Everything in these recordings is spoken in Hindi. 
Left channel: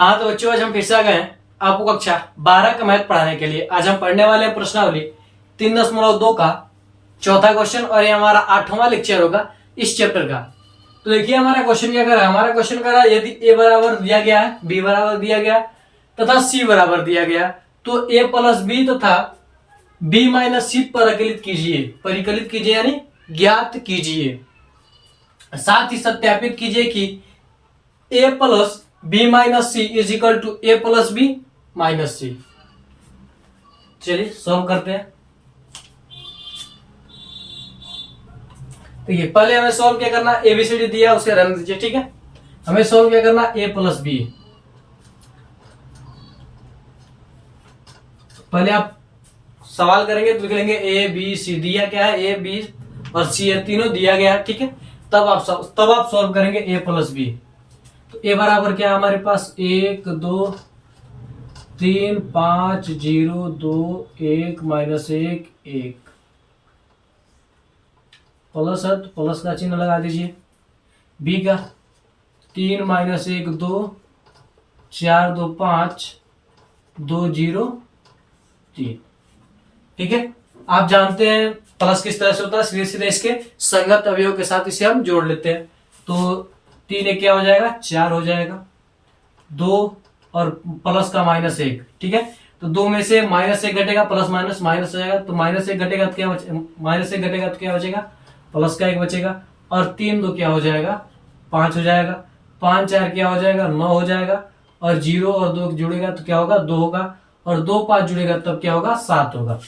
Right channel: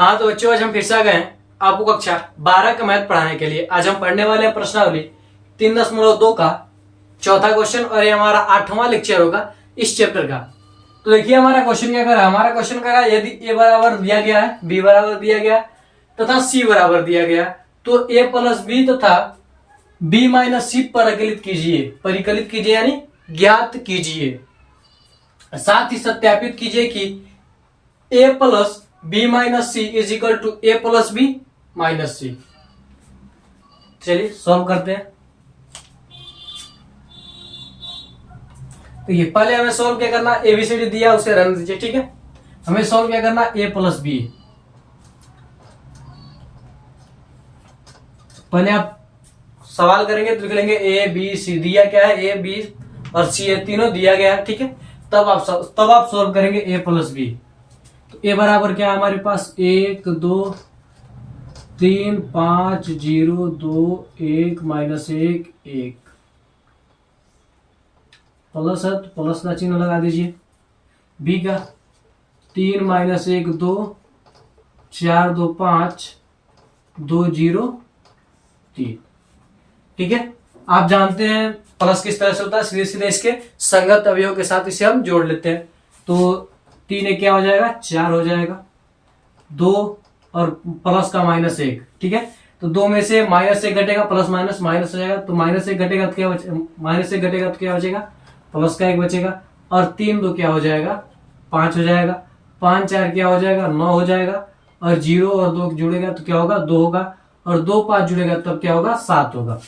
हाँ तो बच्चों, आज हम फिर से आ गए हैं आपको कक्षा 12 का मैथ पढ़ाने के लिए। आज हम पढ़ने वाले हैं प्रश्नावली 3.2 का चौथा क्वेश्चन, और ये हमारा 8वां लेक्चर होगा इस चैप्टर का। तो देखिए हमारा क्वेश्चन क्या कर रहा है। हमारा क्वेश्चन कर रहा है यदि ए बराबर दिया गया है, बी बराबर दिया गया तथा सी बराबर दिया गया, तो ए प्लस बी तथा बी माइनस सी परिकलित कीजिए यानी ज्ञात कीजिए। साथ ही सत्यापित कीजिए कि A plus B minus C is equal to A plus B minus C. चलिए सॉल्व करते हैं। देखिए पहले हमें सॉल्व क्या करना, एबीसीडी दिया उसे रन दीजिए, ठीक है। हमें सॉल्व क्या करना, ए प्लस बी। पहले आप सवाल करेंगे तो लिख लेंगे ए बी सी। दिया क्या है, ए बी और सी है, तीनों दिया गया है, ठीक है। तब आप सॉल्व करेंगे ए प्लस बी। तो ए बराबर क्या है हमारे पास, 1 2 3 5 0 2 1 माइनस 1 1 प्लस है तो प्लस का चिन्ह लगा दीजिए। बी का 3 माइनस 1 2 4 2 5 2 0 3, ठीक है। आप जानते हैं प्लस किस तरह से होता है, सीधे सीधे इसके संगत अवयव के साथ इसे हम जोड़ लेते हैं। तो 3 एक क्या हो जाएगा, 4 हो जाएगा। 2 और प्लस का माइनस 1, ठीक है। तो 2 में से माइनस 1 घटेगा, प्लस माइनस माइनस हो जाएगा। तो माइनस 1 घटेगा तो क्या माइनस 1 घटेगा तो क्या बचेगा, प्लस का 1 बचेगा। और 3 2 क्या हो जाएगा, 5 हो जाएगा। 5 4 क्या हो जाएगा, 9 हो जाएगा। और 0 और 2 जुड़ेगा तो क्या होगा, 2 होगा। और 2 5 जुड़ेगा तब क्या होगा, 7 होगा।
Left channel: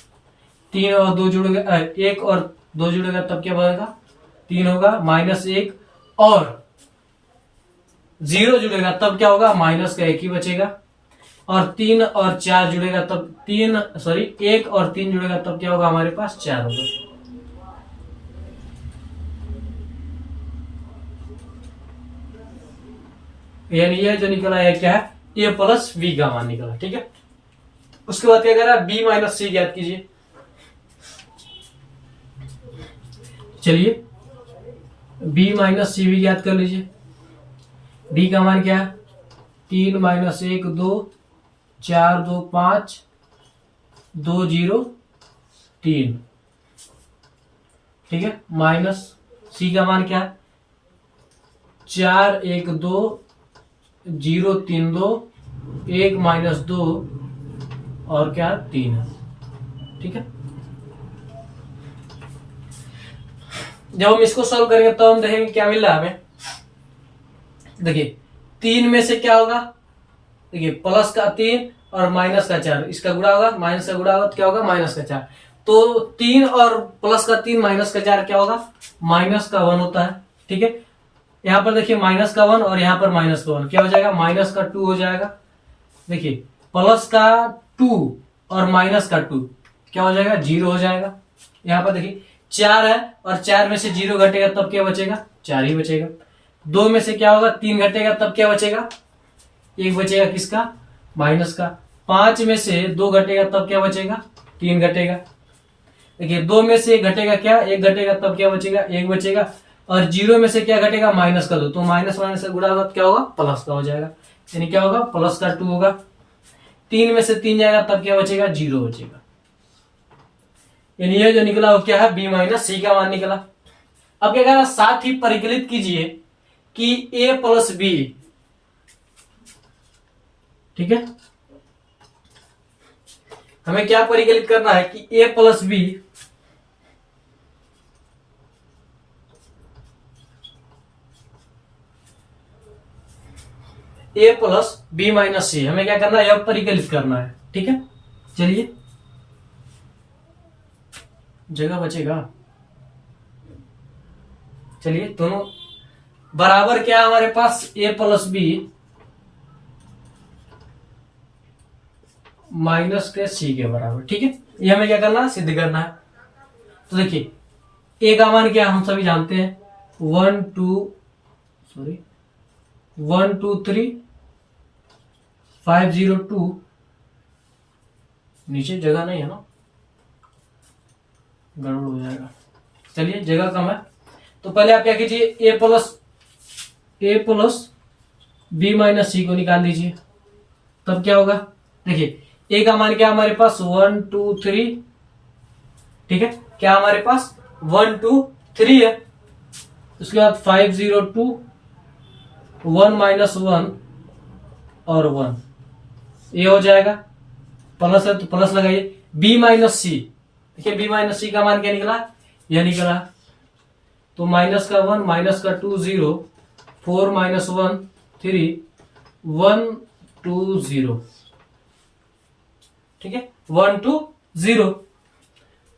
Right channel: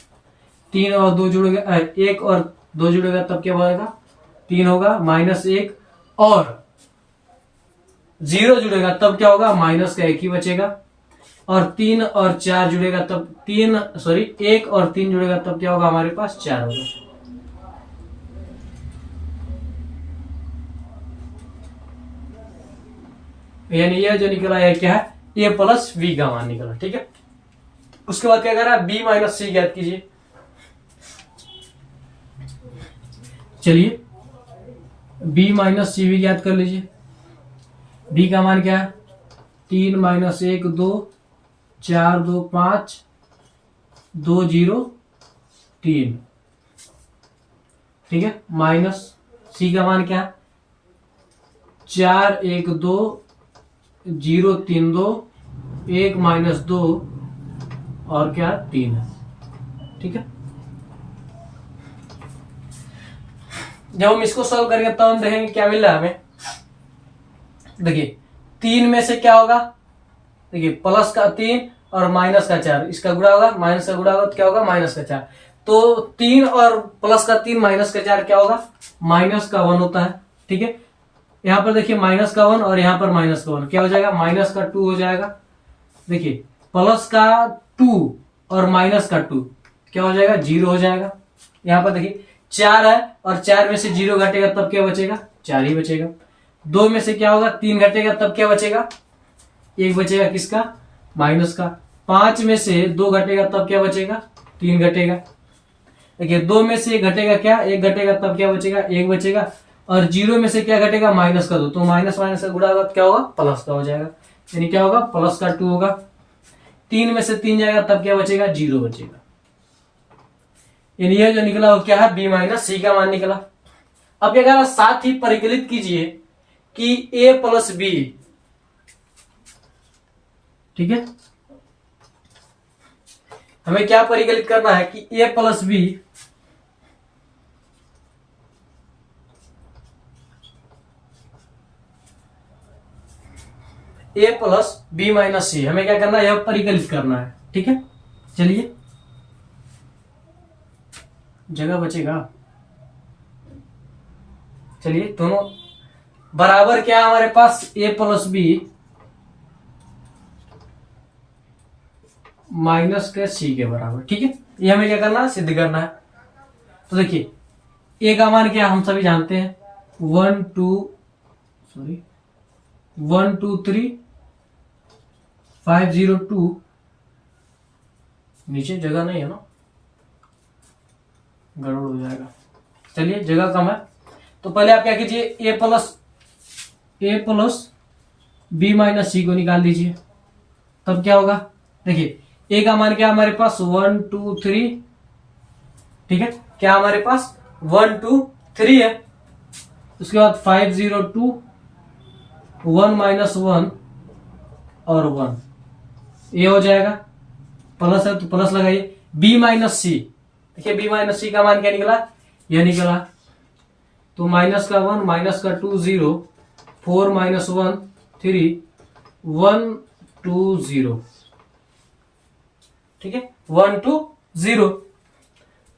3 और 2 जुड़ेगा, 1 और 2 जुड़ेगा तब क्या बनेगा, 3 होगा। माइनस 1 और 0 जुड़ेगा तब क्या होगा, माइनस का 1 ही बचेगा। और 3 और 4 जुड़ेगा तब 1 और 3 जुड़ेगा तब क्या होगा, हमारे पास 4 होगा। यानी ये जो निकला है क्या है, ए प्लस बी का मान निकला, ठीक है। उसके बाद क्या कर रहा है, बी माइनस सी ज्ञात कीजिए। चलिए बी माइनस सी भी ज्ञात कर लीजिए। बी का मान क्या है, 3 माइनस 1 2 4 2 5 2 0 3, ठीक है। माइनस सी का मान क्या है, 4 1 2 0 3 2 1 माइनस 2 और क्या 3 है, ठीक है। जब हम इसको सॉल्व करेंगे तब हम देखेंगे क्या मिल रहा है हमें। देखिए 3 में से क्या होगा, देखिए प्लस का 3 और माइनस का 4, इसका गुणा होगा, माइनस का गुणा होगा तो क्या होगा, माइनस का 4। तो 3 और प्लस का 3 माइनस का 4 क्या होगा, माइनस का 1 होता है, ठीक है। यहाँ पर देखिए माइनस का 1 और यहाँ पर माइनस का 1 क्या हो जाएगा, माइनस का 2 हो जाएगा। देखिए प्लस का 2 और माइनस का 2 क्या हो जाएगा, 0 हो जाएगा। यहाँ पर देखिए 4 है और 4 में से 0 घटेगा तब क्या बचेगा, 4 ही बचेगा। 2 में से क्या होगा, 3 घटेगा तब क्या बचेगा, 1 बचेगा, किसका, माइनस का। 5 में से 2 घटेगा तब क्या बचेगा, 3 घटेगा। देखिए 2 में से 1 घटेगा क्या, 1 घटेगा तब क्या बचेगा, 1 बचेगा। और 0 में से क्या घटेगा, माइनस का 2, तो माइनस माइनस का गुणा होगा क्या होगा, प्लस का हो जाएगा, यानी क्या होगा, प्लस का 2 होगा। 3 में से 3 जाएगा तब क्या बचेगा, 0 बचेगा। यानी ये जो निकला वो क्या है, बी माइनस सी का मान निकला। अब क्या करा, साथ ही परिकलित कीजिए कि ए प्लस बी, ठीक है। हमें क्या परिकलित करना है कि A plus B A plus B minus सी, हमें क्या करना है, यह परिकलित करना है, ठीक है। चलिए जगह बचेगा। चलिए दोनों बराबर क्या है हमारे पास, ए प्लस बी माइनस के सी के बराबर, ठीक है। ये हमें क्या करना है, सिद्ध करना है। तो देखिए ए का मान क्या हम सभी जानते हैं, 1 2 3 5 0 2, नीचे जगह नहीं है ना, गड़बड़ हो जाएगा। चलिए जगह कम है तो पहले आप क्या कीजिए, ए प्लस बी माइनस सी को निकाल दीजिए। तब क्या होगा, देखिए ए का मान क्या हमारे पास 1 2 3, ठीक है, क्या हमारे पास 1 2 3 है। उसके बाद 5 0 2 1 -1 और 1, ये हो जाएगा, प्लस है तो प्लस लगाइए। बी माइनस सी, देखिए बी माइनस सी का मान क्या निकला, यह निकला, तो माइनस का 1 माइनस का 2 0 4 -1 3 1 2 0, ठीक है 1 2 0।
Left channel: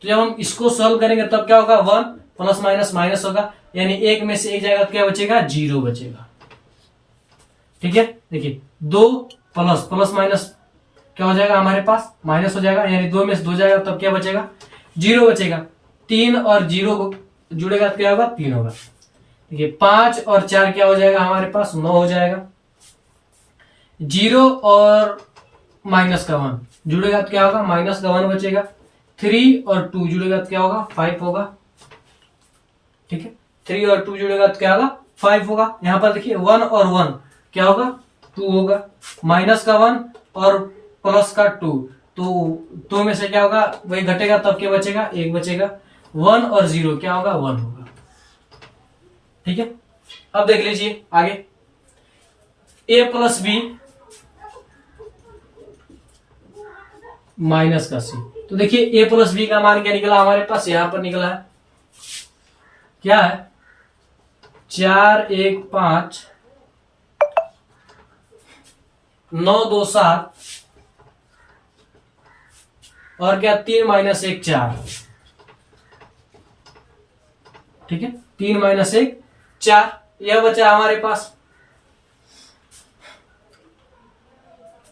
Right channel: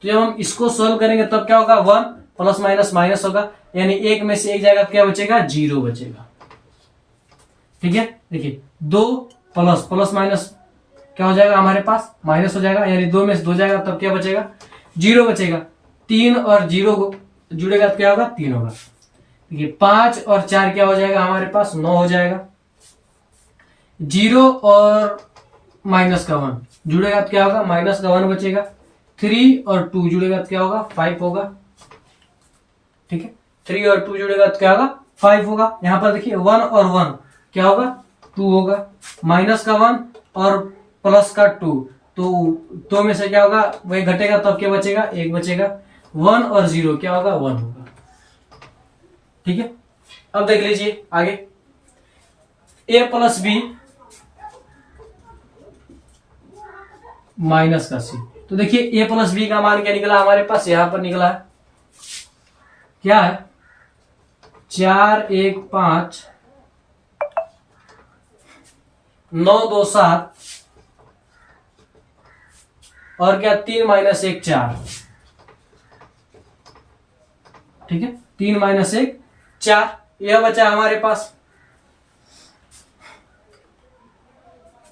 तो जब हम इसको सॉल्व करेंगे तब क्या होगा, 1 प्लस माइनस माइनस होगा, यानी एक में से एक जाएगा तो क्या बचेगा, 0 बचेगा, ठीक है। देखिए 2 प्लस प्लस माइनस क्या हो जाएगा हमारे पास, माइनस हो जाएगा, यानी 2 में से 2 जाएगा तब क्या बचेगा, 0 बचेगा। 3 और 0 जुड़ेगा तो क्या होगा, 3 होगा। देखिए 5 और 4 क्या हो जाएगा हमारे पास, 9 हो जाएगा। 0 और माइनस का 1 जुड़ेगा तो क्या होगा, माइनस का 1 बचेगा। 3 और 2 जुड़ेगा तो क्या होगा, 5 होगा, ठीक है। 3 और 2 जुड़ेगा तो क्या होगा, 5 होगा। यहां पर देखिए 1 और 1 क्या होगा, 2 होगा। माइनस का 1 और प्लस का 2, तो 2 में से क्या होगा, वही घटेगा तब क्या बचेगा, 1 बचेगा। 1 और 0 क्या होगा, 1 होगा, ठीक है। अब देख लीजिए आगे, a प्लस बी माइनस का सी। तो देखिए a प्लस बी का मान क्या निकला हमारे पास, यहां पर निकला है, क्या है 4 1 5 9 2 7 और क्या 3 -1 4, ठीक है 3 -1 4, यह बचा हमारे पास।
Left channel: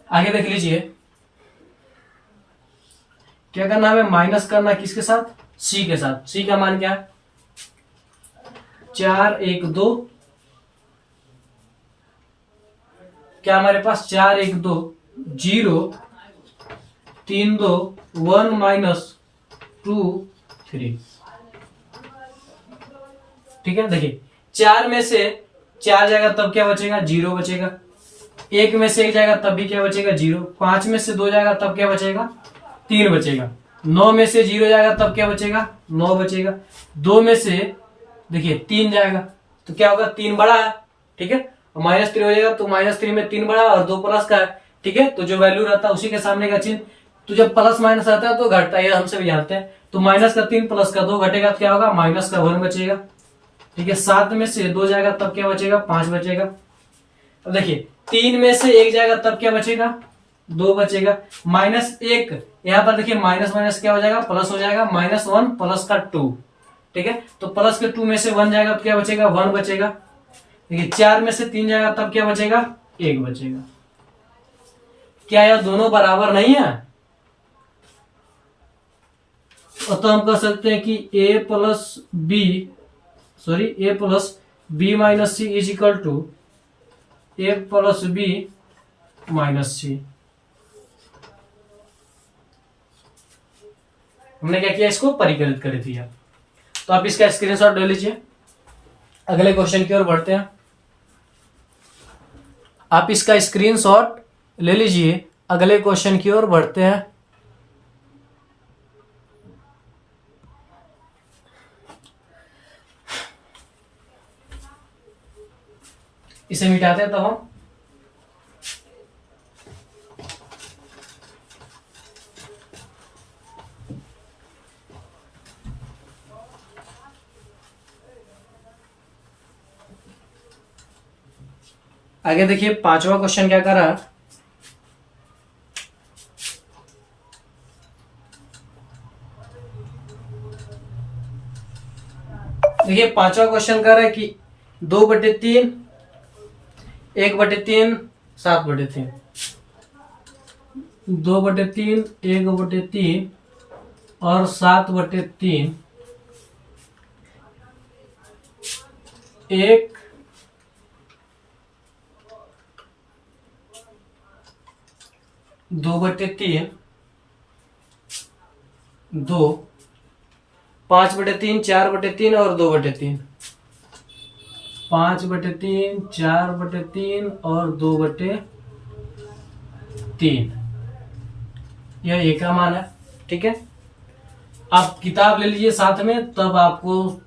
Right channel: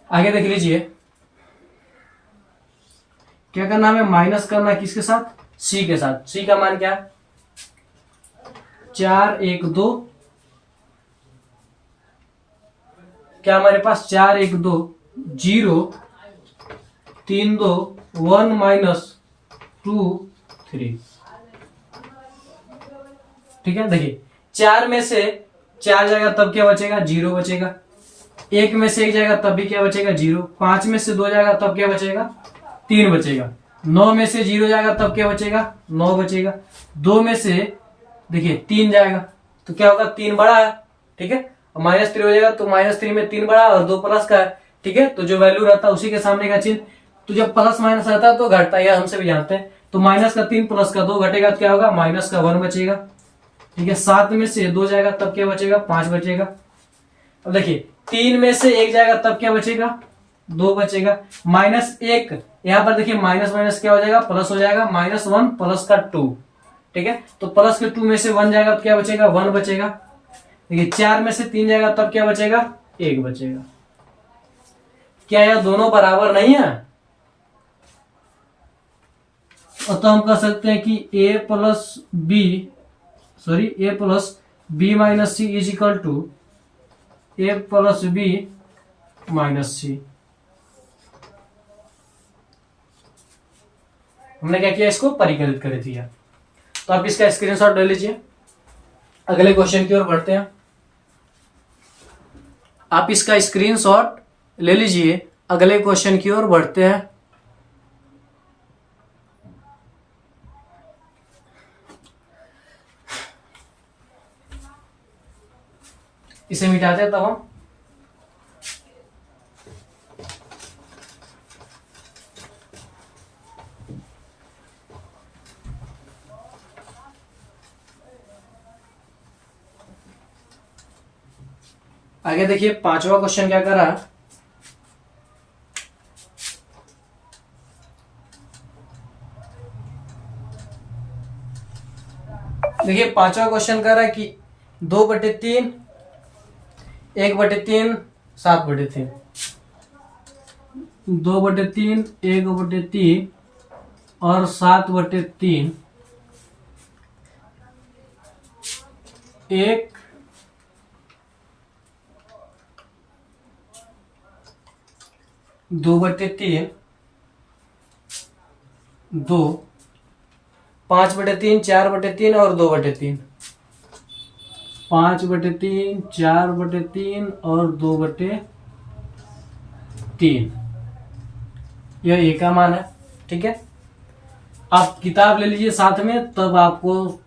आगे देख लीजिए, क्या करना है, माइनस करना है किसके साथ, सी के साथ। सी का मान क्या है, 4 1 2, क्या हमारे पास 4 1 2 0 3 2 1 -2 3, ठीक है। देखिए 4 में से 4 जाएगा तब क्या बचेगा, 0 बचेगा। 1 में से 1 जाएगा तब भी क्या बचेगा, 0। 5 में से 2 जाएगा तब क्या बचेगा, 3 बचेगा। 9 में से 0 जाएगा तब क्या बचेगा, 9 बचेगा। 2 में से देखिए 3 जाएगा तो क्या होगा, 3 बड़ा है, ठीक है। -3 हो जाएगा तो -3 में 3 बड़ा और 2 प्लस का है, ठीक है। तो जो वैल्यू रहता है उसी के सामने का चिन्ह, तो जब प्लस माइनस रहता है तो घटता है, हम सभी जानते हैं। तो माइनस का 3 प्लस का 2 घटेगा तो क्या होगा, माइनस का 1 बचेगा, ठीक है। 7 में से 2 जाएगा तब क्या बचेगा, 5 बचेगा। अब देखिए 3 में से 1 जाएगा तब क्या बचेगा, 2 बचेगा। -1, यहां पर देखिए माइनस माइनस क्या हो जाएगा, प्लस हो जाएगा, -1 प्लस का 2, ठीक है। तो प्लस के 2 में से 1 जाएगा तो क्या बचेगा, 1 बचेगा। देखिए 4 में से 3 जाएगा तब क्या बचेगा, 1 बचेगा। क्या यह दोनों बराबर नहीं है, तो हम कह सकते हैं कि a plus B minus C is equal to a plus B minus C. हमने क्या किया, इसको परिकलित कर दिया। तो आप इसका स्क्रीनशॉट ले लीजिए, अगले क्वेश्चन की ओर बढ़ते हैं। आप इसका स्क्रीनशॉट ले लीजिए, अगले क्वेश्चन की ओर बढ़ते हैं। इसे मिटाते हैं तब हम आगे देखिए 5वां क्वेश्चन क्या कर रहा है। देखिए 5वां क्वेश्चन कर रहा है कि 2/3 1/3 7/3, 2/3 1/3 और 7/3 1 2/3 2 5/3 4/3 और 2/3, 5/3 4/3 और 2/3, 3, यह ए का मान है। ठीक है, आप किताब ले लीजिए साथ में, तब आपको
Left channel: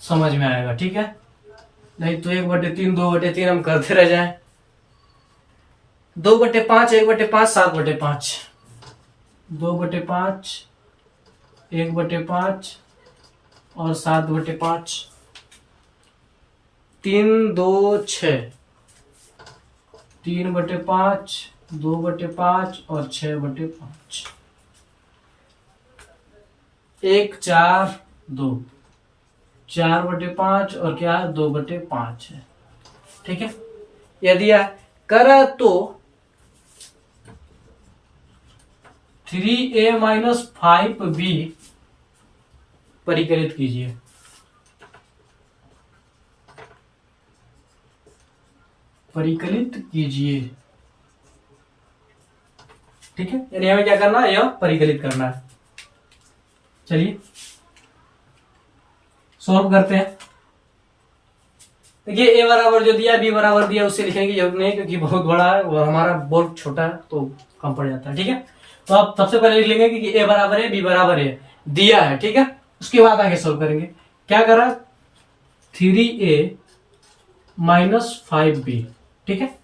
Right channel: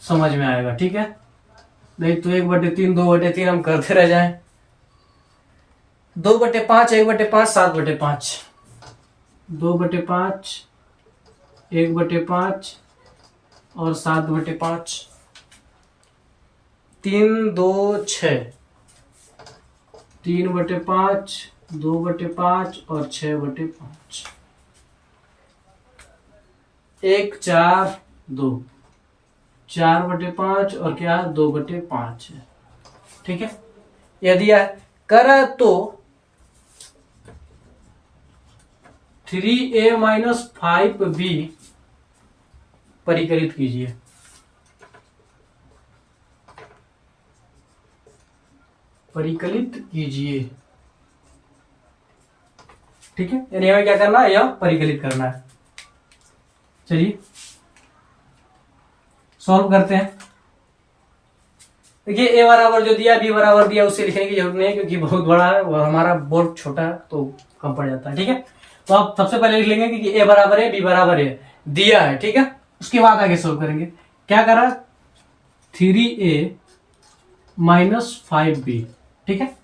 समझ में आएगा। ठीक है, नहीं तो 1/3 2/3 हम करते रह जाएं। 2/5 1/5 7/5, 2/5 1/5 और 7/5, 3 2 6, 3/5 2/5 और 6/5, 1 4 2, 4/5 और क्या 2/5 है। ठीक है, यदि करा तो 3a - 5b परिकलित कीजिए। परिकलित कीजिए। ठीक है, यानी हमें क्या करना है, यह परिकलित करना है। चलिए सॉल्व करते हैं। देखिए ए बराबर जो दिया, बी बराबर दिया, उससे लिखने की जरूरत नहीं क्योंकि बहुत बड़ा है और हमारा बोर्ड छोटा है तो कम पड़ जाता है। ठीक है, तो आप सबसे पहले लिख लेंगे कि ए बराबर है बी बराबर है, दिया है। ठीक है, उसके बाद आगे सोल्व करेंगे। क्या करा, 3a - 5b। ठीक है,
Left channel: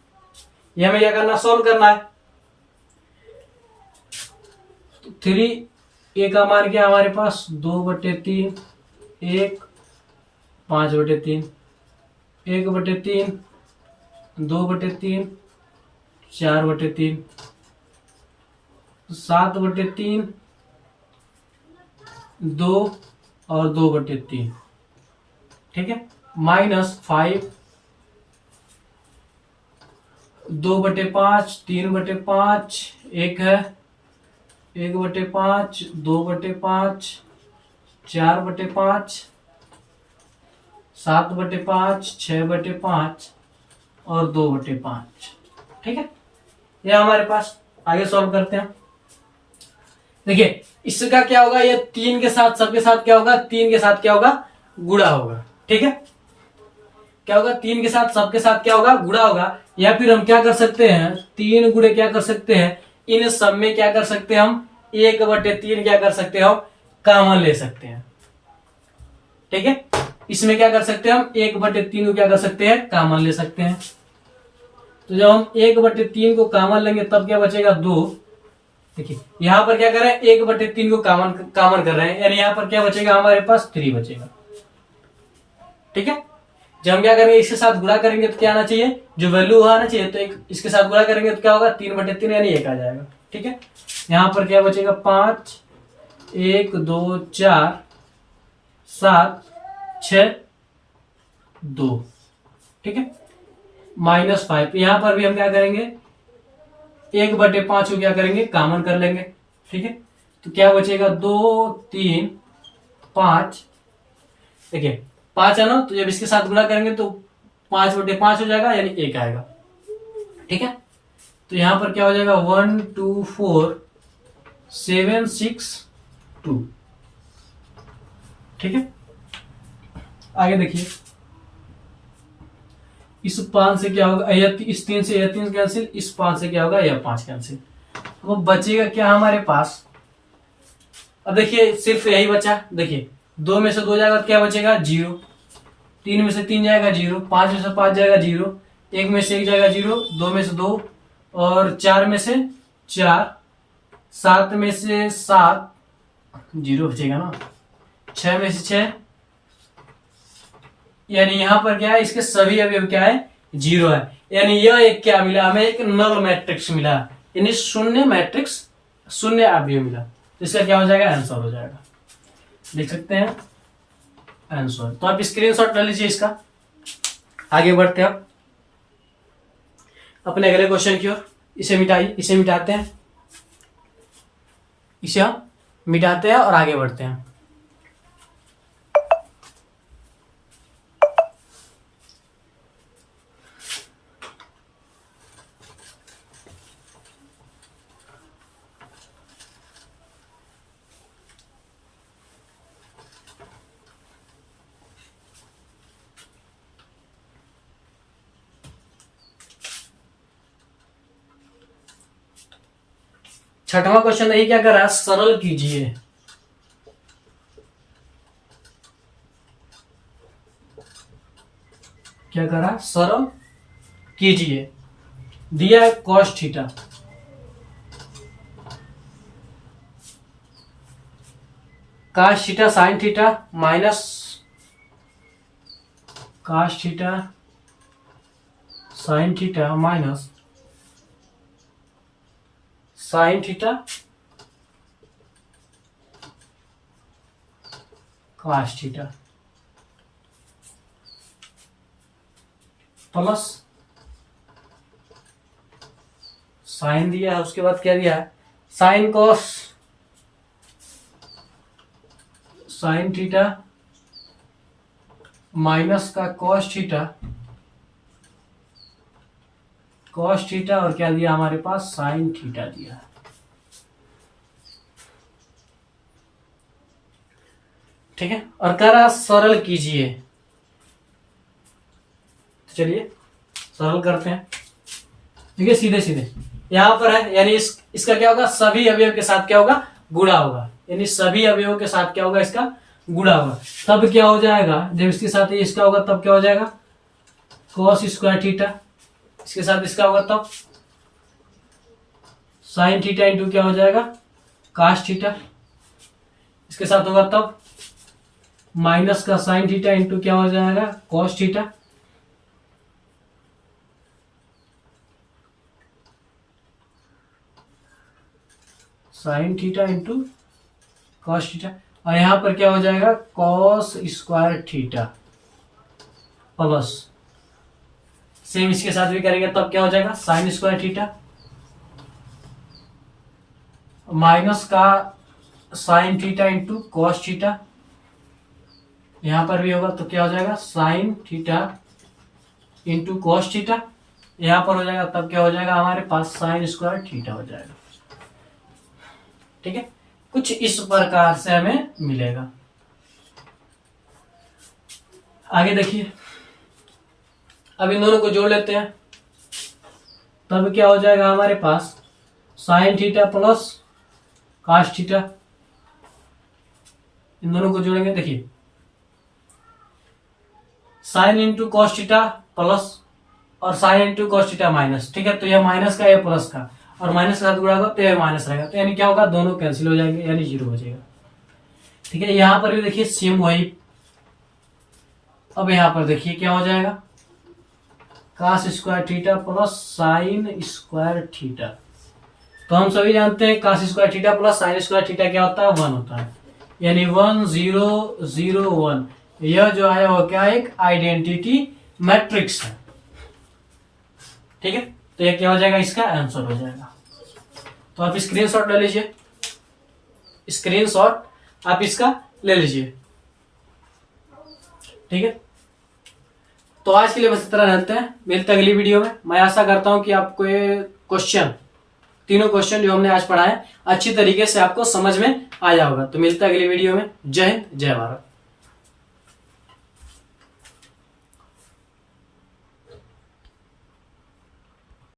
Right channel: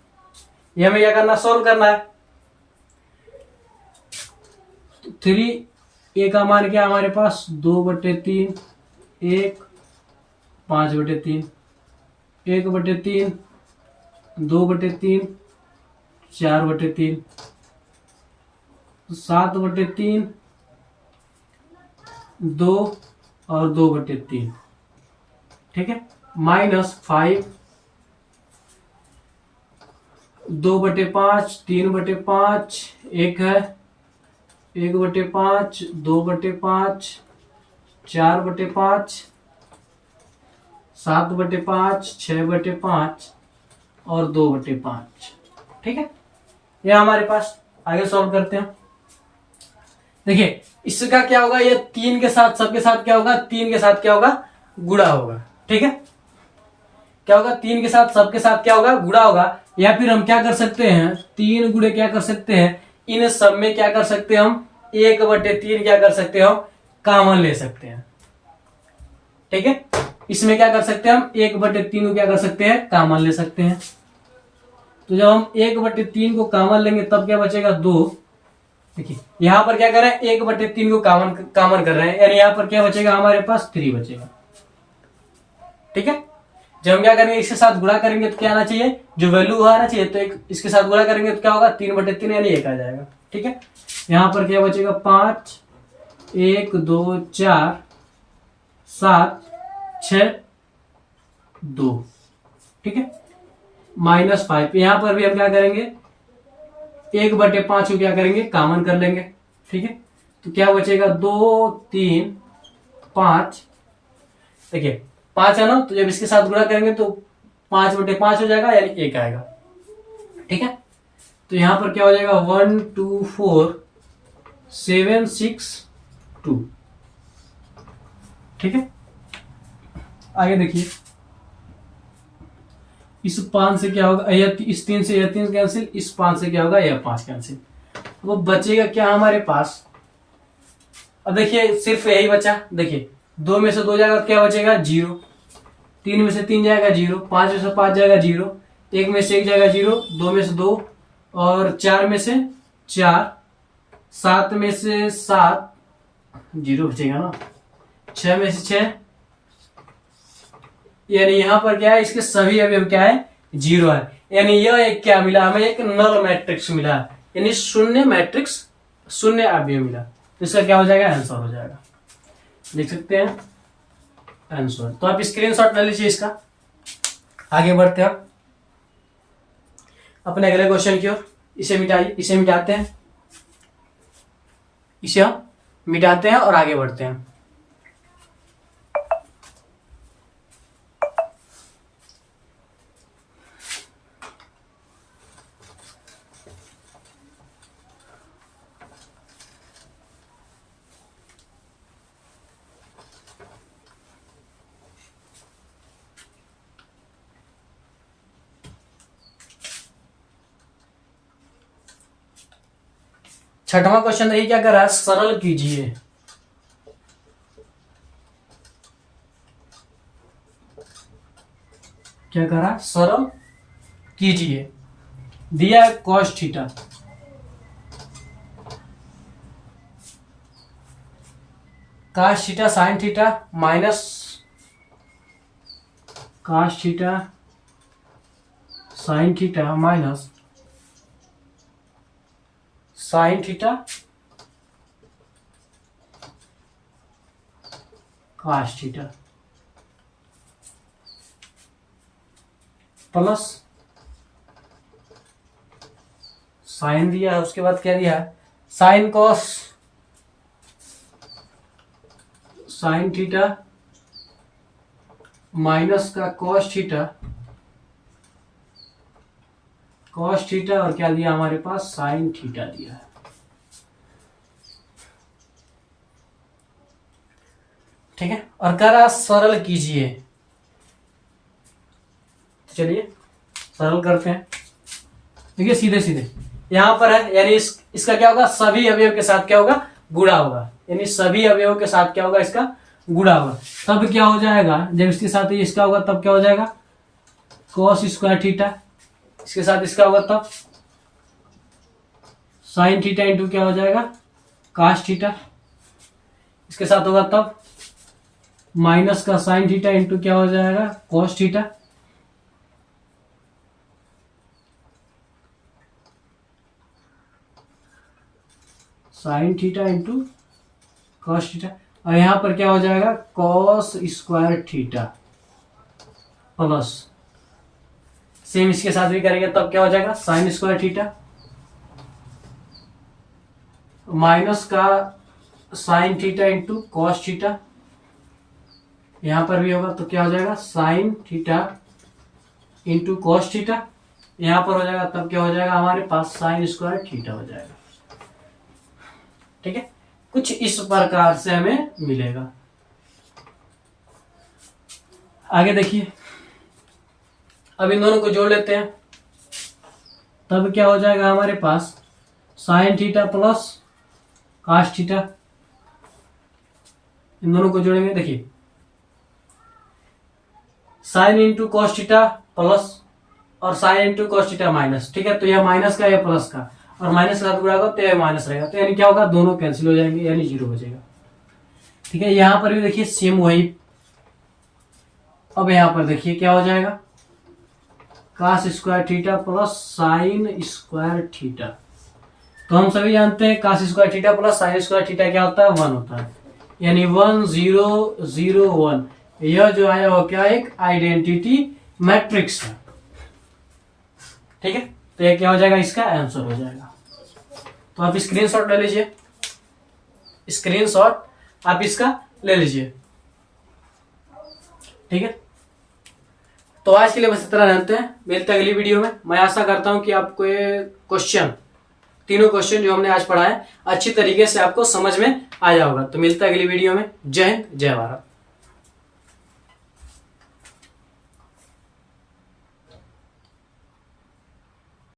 ये हमें क्या करना, सोल्व करना है। 3a का मान क्या हमारे पास 2/3, 1 5/3, 1/3 2/3 4/3, 7/3 2 और 2/3। ठीक है, -5 2/5 3/5, 1 है, 1/5 2/5 4/5, 7/5 6/5 और 2/5। ठीक है, यह हमारे पास। आगे सॉल्व करते हैं। देखिए इसका क्या होगा, ये 3 के साथ सबके साथ क्या होगा, 3 के साथ क्या होगा, गुणा होगा। ठीक है, क्या होगा, 3 के साथ सबके साथ क्या होगा, गुणा होगा। या फिर हम क्या कर सकते हैं, 3 गुणे क्या कर सकते हैं, इन सब में क्या कर सकते हैं हम, 1/3 क्या कर सकते हैं हम, कॉमन ले सकते हैं। ठीक है, इसमें क्या कर सकते हैं हम, 1/3 को क्या कर सकते हैं, कॉमन ले सकते हैं। तो जब हम 1/3 को कॉमन लेंगे तब क्या बचेगा, 2। देखिए यहां पर क्या कर रहे हैं, 1/3 को कॉमन कर रहे हैं, यानी यहां पर क्या बचेगा, हमारे पास 3 बचेगा। ठीक है, जब हम क्या करेंगे, इसके साथ गुणा करेंगे तो क्या आना चाहिए, जो वैल्यू आना चाहिए, तो इसके साथ गुणा करेंगे तो क्या होगा, 3/3 यानी 1 आ जाएगा। ठीक है, यहां पर क्या बचेगा, 5 1 2 4 7 6 2। ठीक है, -5, यहां पर भी हम क्या करेंगे, 1/5 को क्या करेंगे, कॉमन कर लेंगे। ठीक है, तो क्या बचेगा, 2 3 5। देखिए 5 है ना, तो जब इसके साथ गुणा करेंगे तो 5/5 हो जाएगा, यानी 1 आएगा। ठीक है, तो यहां पर क्या हो जाएगा, 1 2 4 7 6 2। ठीक है, आगे देखिए, इस 5 से क्या होगा, इस 3 से यह 3 कैंसिल, इस 5 से क्या होगा, यह 5 कैंसिल। वो बचेगा क्या हमारे पास, अब देखिए सिर्फ यही बचा। देखिए 2 में से 2 जाएगा तो क्या बचेगा, 0, 3 में से 3 जाएगा 0, 5 में से 5 जाएगा 0, 1 में से 1 जाएगा 0, 2 में से 2 और 4 में से 4, 7 में से 7 0 बचेगा ना, 6 में से 6, यानी यहां पर क्या है, इसके सभी अवयव क्या है, 0 है। यानी यह एक क्या मिला हमें, एक नल मैट्रिक्स मिला, यानी शून्य मैट्रिक्स, शून्य अवयव मिला। तो इसका क्या हो जाएगा, आंसर हो जाएगा। लिख सकते हैं आंसर। तो आप स्क्रीनशॉट ले लीजिए इसका। आगे बढ़ते हैं अपने अगले क्वेश्चन की ओर। इसे मिटाइए, इसे मिटाते हैं, इसे हम मिटाते हैं और आगे बढ़ते हैं। छठवां क्वेश्चन यही क्या कर रहा है, सरल कीजिए। क्या कर रहा है, सरल कीजिए। दिया है cos theta, cos theta sin theta minus cos theta sin theta minus sin theta cos theta plus sign दिया है, उसके बाद क्या दिया है, sine cos sine theta minus का cos थीटा और क्या दिया हमारे पास, साइन थीटा दिया है। ठीक है, और कह रहा सरल कीजिए। तो चलिए सरल करते हैं। देखिए सीधे सीधे यहां पर है, यानी इसका क्या होगा, सभी अवयव के साथ क्या होगा, गुणा होगा। यानी सभी अवयवों के साथ क्या होगा, इसका गुणा होगा। तब क्या हो जाएगा, जब इसके साथ इसका होगा तब क्या हो जाएगा, cos स्क्वायर थीटा। इसके साथ इसका होगा तब साइन थीटा इंटू क्या हो जाएगा, cos थीटा। इसके साथ होगा तब माइनस का साइन थीटा इंटू क्या हो जाएगा, cos theta. Sine theta into cos theta, और यहां पर क्या हो जाएगा, cos square theta plus same इसके साथ भी करेंगे तब क्या हो जाएगा, साइन स्क्वायर थीटा माइनस का sine theta into cos theta. यहां पर भी होगा तो क्या हो जाएगा, sine theta into cos theta. यहां पर हो जाएगा तब क्या हो जाएगा, हमारे पास साइन स्क्वायर थीटा हो जाएगा। ठीक है, कुछ इस प्रकार से हमें मिलेगा। आगे देखिए, अब इन दोनों को जोड़ लेते हैं, तब क्या हो जाएगा हमारे पास, sine theta plus cos theta. इन दोनों को जोड़ेंगे, देखिए sine into cos theta plus और sine into cos theta minus. ठीक है, तो यह माइनस का, यह प्लस का, और माइनस का गुणा होगा तो यह माइनस रहेगा, तो यानी क्या होगा, दोनों कैंसिल हो जाएंगे, यानी जीरो हो जाएगा। ठीक है, यहां पर भी देखिए सेम वही। अब यहां पर देखिए क्या हो जाएगा, cos square theta plus sine square theta. तो हम सभी जानते हैं cos square theta plus sine square theta क्या होता है, 1 होता है, यानी 1 0 0 1। यह जो है वो क्या, एक आइडेंटिटी मैट्रिक्स है। ठीक है, तो यह क्या हो जाएगा, इसका आंसर हो जाएगा। तो आप स्क्रीनशॉट ले लीजिए, स्क्रीनशॉट आप इसका ले लीजिए। ठीक है, तो आज के लिए बस इतना जानते हैं, मिलते हैं अगली वीडियो में। मैं आशा करता हूं कि आपको ये क्वेश्चन, तीनों क्वेश्चन जो हमने आज पढ़ा है, अच्छी तरीके से आपको समझ में आया होगा। तो मिलता है अगली वीडियो में। जय हिंद, जय भारत।